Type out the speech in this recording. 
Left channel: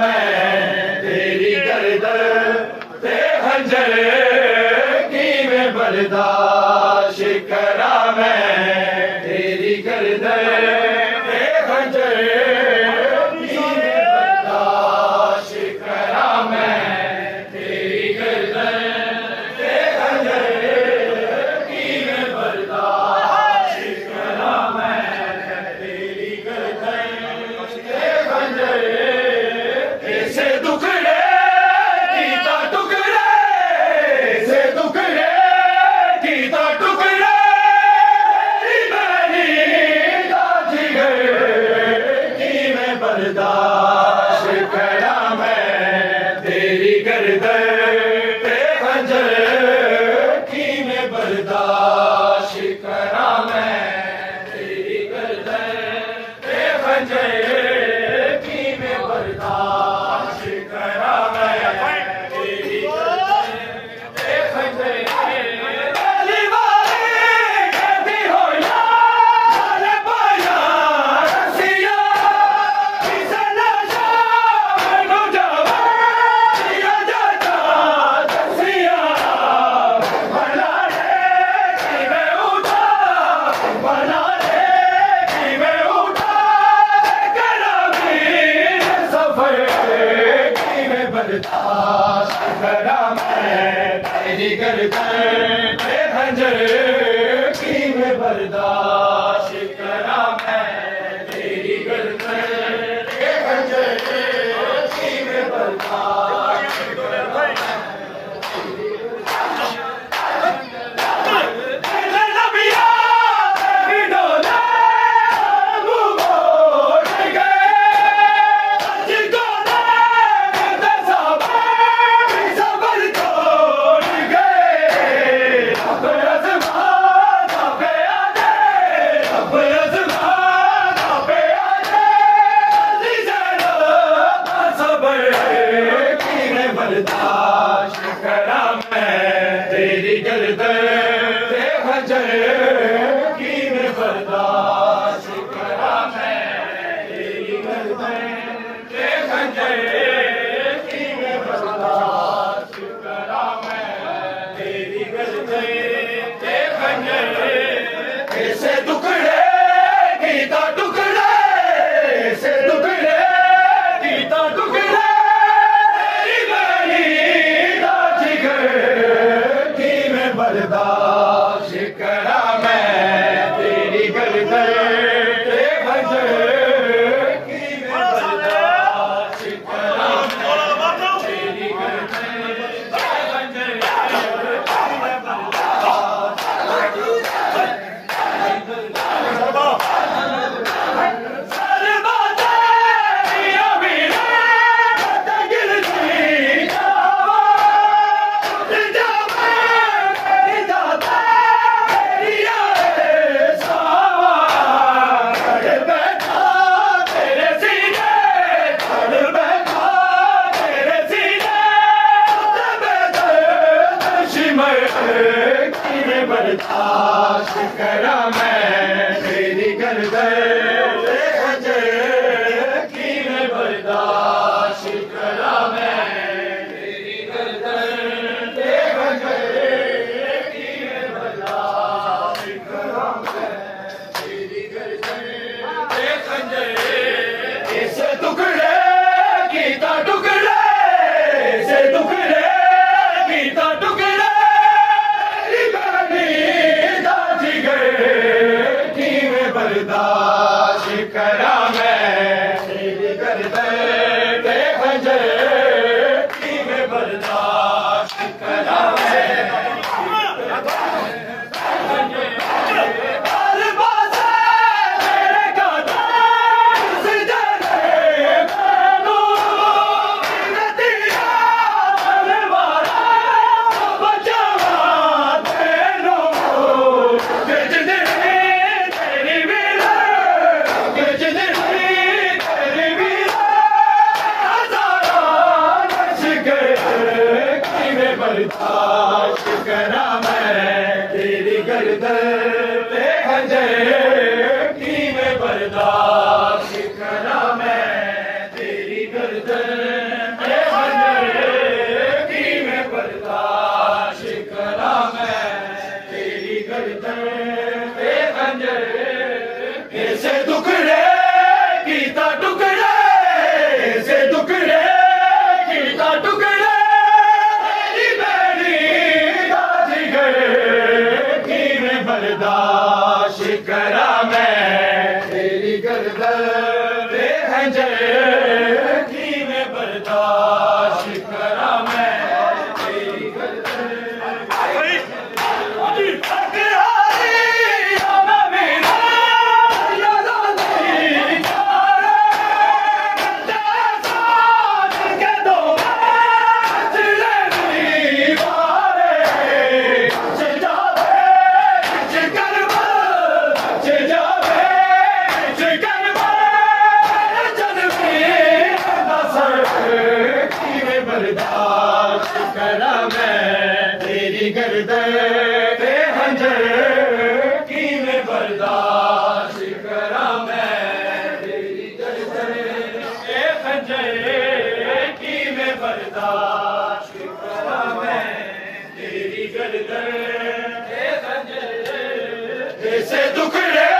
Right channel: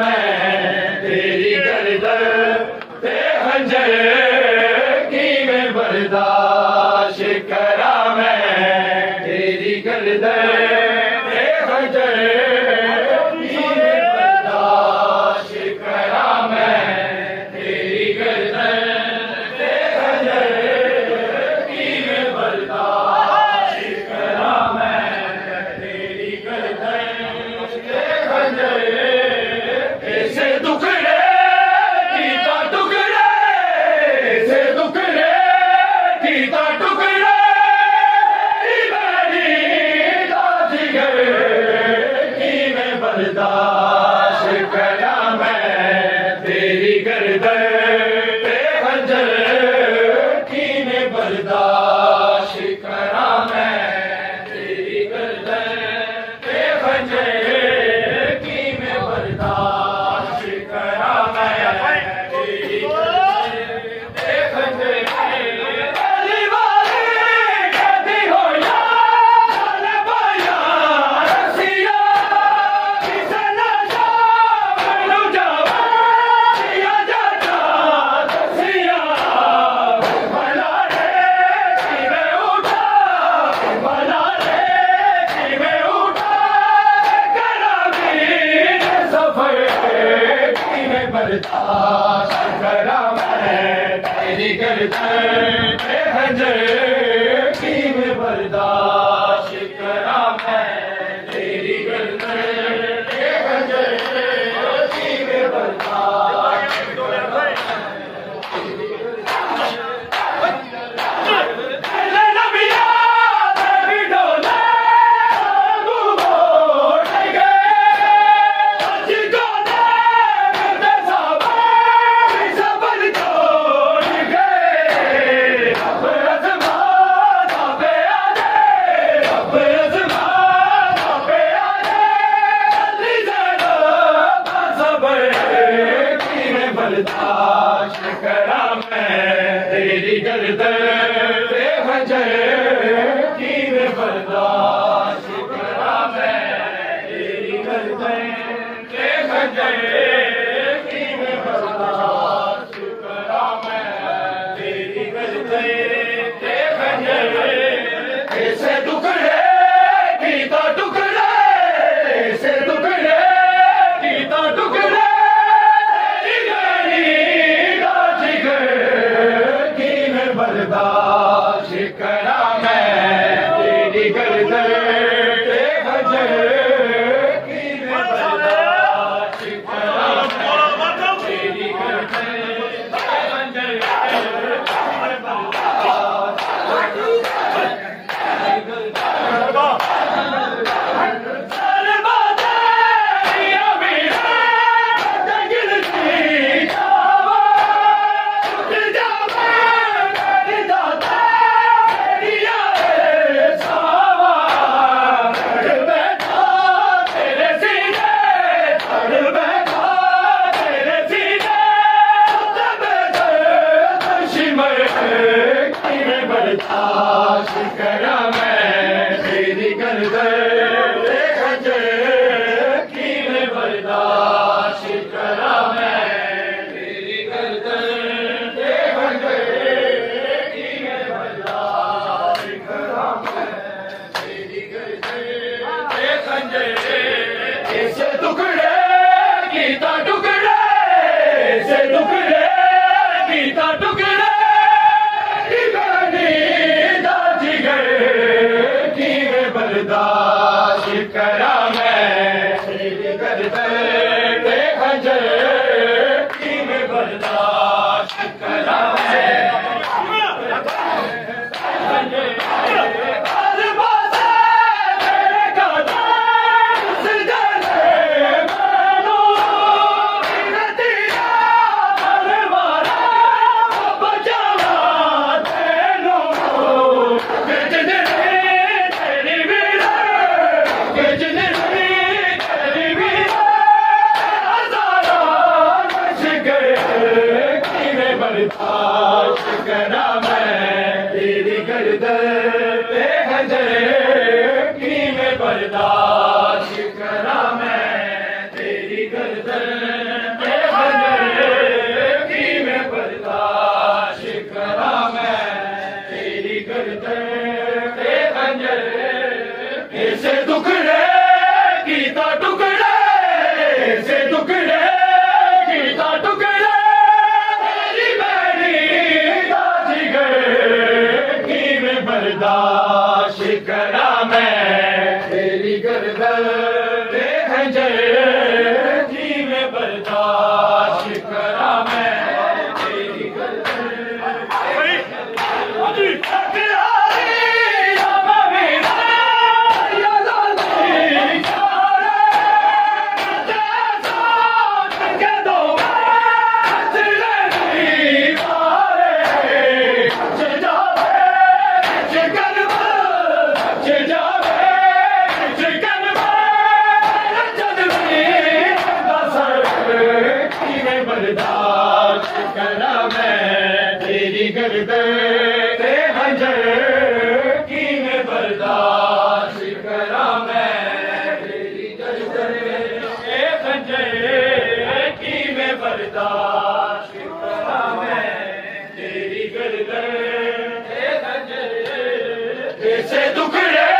मैं तेरी गर्दन पे खंजर की मैं बर्दाश्त करा मैं तेरी गर्दन पे खंजर की मैं बर्दाश्त करा मैं तेरी गर्दन पे खंजर की मैं बर्दाश्त करा मैं तेरी गर्दन पे खंजर ऐसे टुकड़े कीता टुकड़े ऐसे टुकड़े कीता टुकड़े मेरी जिगर की मैं बर्दाश्त करा मैं तेरी गर्दन पे खंजर की मैं बर्दाश्त करा मैं तेरी गर्दन पे खंजर की मैं बर्दाश्त करा मैं तेरी गर्दन पे खंजर पहली बारी कहती हो यार पाया रसिया किसे नशा मैनू जावा दिया जाता दसिया भला रे कि मैं उठा भला रे कि मैं उठा करा भी सफर की मैं बर्दाश्त करा मैं तेरी गर्दन पे खंजर की मैं बर्दाश्त करा मैं तेरी गर्दन पे खंजर की मैं बर्दाश्त करा बर्दाश्त करा मैं तेरी गर्दन पे खंजर की मैं बर्दाश्त करा मैं तेरी गर्दन पे खंजर की मैं बर्दाश्त करा मैं तेरी गर्दन पे खंजर ऐसे टुकड़े कीता टुकड़े ऐसे टुकड़े कीता टुकड़े बर्दाश्त करा मैं तेरी गर्दन पे खंजर की मैं बर्दाश्त करा मैं तेरी गर्दन पे खंजर की मैं बर्दाश्त बर्दाश्त करा मैं तेरी गर्दन पे खंजर की मैं बर्दाश्त करा मैं तेरी गर्दन पे खंजर की मैं बर्दाश्त करा मैं तेरी गर्दन पे खंजर ऐसे टुकड़े कीता टुकड़े ऐसे टुकड़े कीता टुकड़े बर्दाश्त करा मैं तेरी गर्दन पे खंजर की मैं बर्दाश्त करा मैं बर्दाश्त करा मैं तेरी गर्दन पे खंजर की मैं बर्दाश्त करा मैं तेरी तेरी गर्दन ए खंजर की मैं बर्दाश्त करा मैं तेरी गर्दन ए खंजर ऐसे टुकड़े कीता टुकड़े ऐसे टुकड़े कीता टुकड़े तेरी बैरी जिगर की मैं बर्दाश्त करा मैं तेरी गर्दन ए खंजर की मैं बर्दाश्त करा मैं तेरी गर्दन बर्दाश्त करा मैं तेरी गर्दन ए खंजर की मैं बर्दाश्त करा मैं तेरी गर्दन ए खंजर की मैं बर्दाश्त करा मैं तेरी गर्दन ए खंजर ऐसे टुकड़े